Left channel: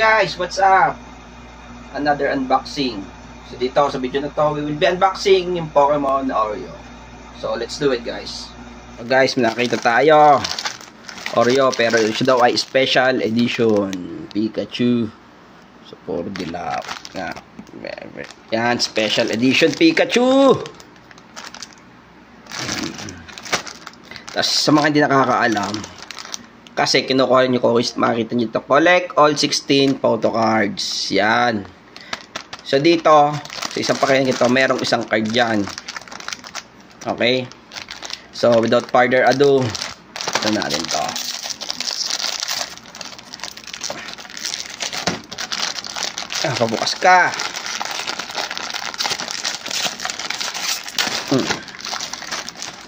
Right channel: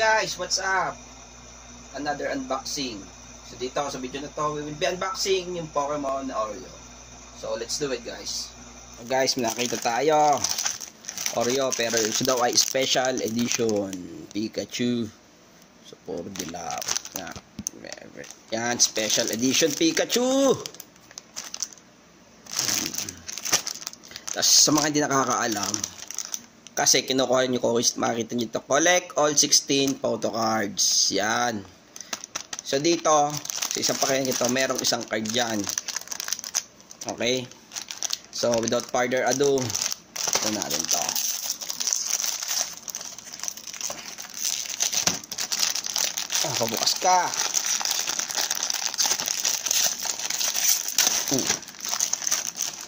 guys, what's up? Another unboxing. So dito sa video na to, we will be unboxing yung Pokemon Oreo. So let's do it guys. So guys, nakita tayo Oreo, pero ito daw ay special edition Pikachu. So for the love. Yan, special edition Pikachu. Tapos sa mga hindi nakakaalam, kasi kinukuha nyo ko, makikita nyo ito, collect all 16 photo cards. Yan. So dito, sa isang pakilang ito, merong isang card dyan. Okay. So without further ado, ito natin to. Pabukas ka.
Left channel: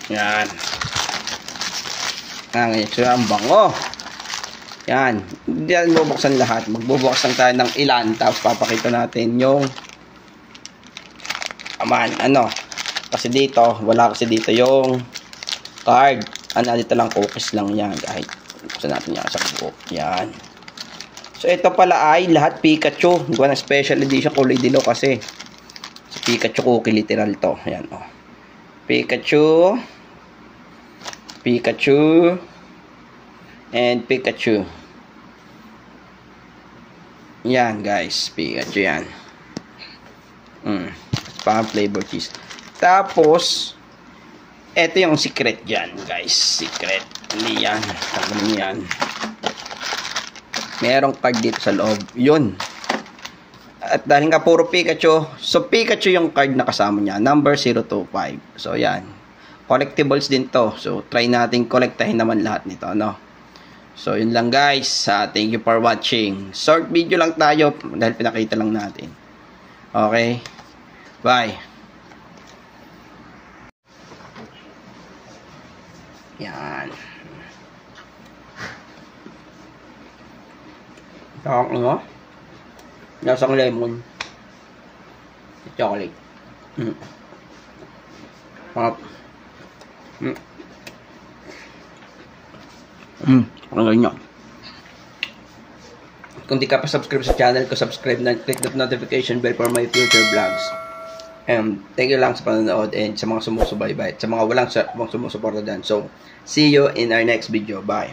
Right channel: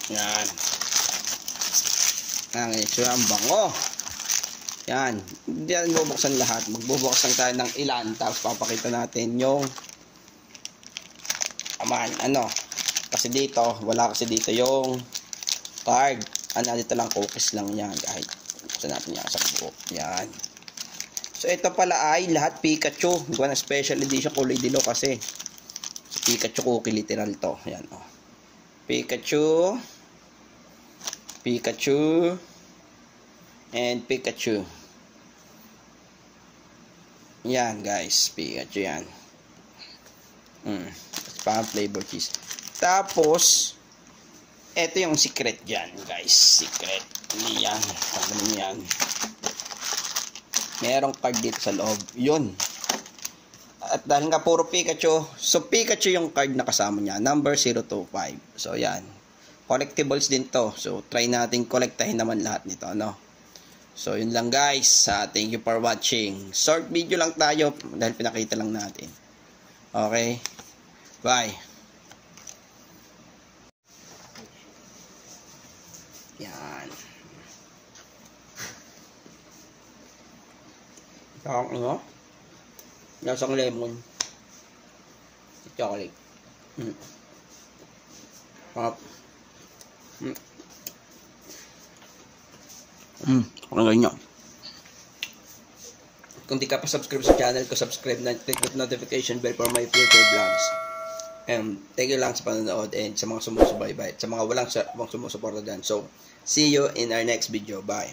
Yan. So ang bango. Yan. Hindi yan bubuksan lahat. Magbubuksan tayo ng ilan. Tapos papakita natin yung kasi dito, wala kasi dito yung card. Dito lang cookies lang yan. Kahit buksan natin yan sa buo. Yan. So ito pala ay lahat Pikachu. Gawa ng special edition, kulay dilaw kasi. Pikachu cookie literal to. Yan oh. Pikachu, and Pikachu. Yan guys, Pikachu yan. Pang flavor cheese. Tapos ito yung secret dyan guys. Secret. Hindi yan. Yan. Merong card dito sa loob. Yun. At dahil nga puro Pikachu, so Pikachu yung card na kasama niya, number 025. So yan, collectibles din to. So try natin kolektahin naman lahat nito, no? So yun lang guys. Thank you for watching. Short video lang tayo dahil pinakita lang natin. Okay, bye. Yan. Ano? Lasang lemon. Chocolate. Pakinggan nyo. Kung di ka pa subscribe sa channel ko, subscribe na, click the notification bell for my future vlogs. Thank you lang sa panonood and sa mga sumusubaybay, sa mga walang sumusuporta dyan. So, see you in our next video. Bye.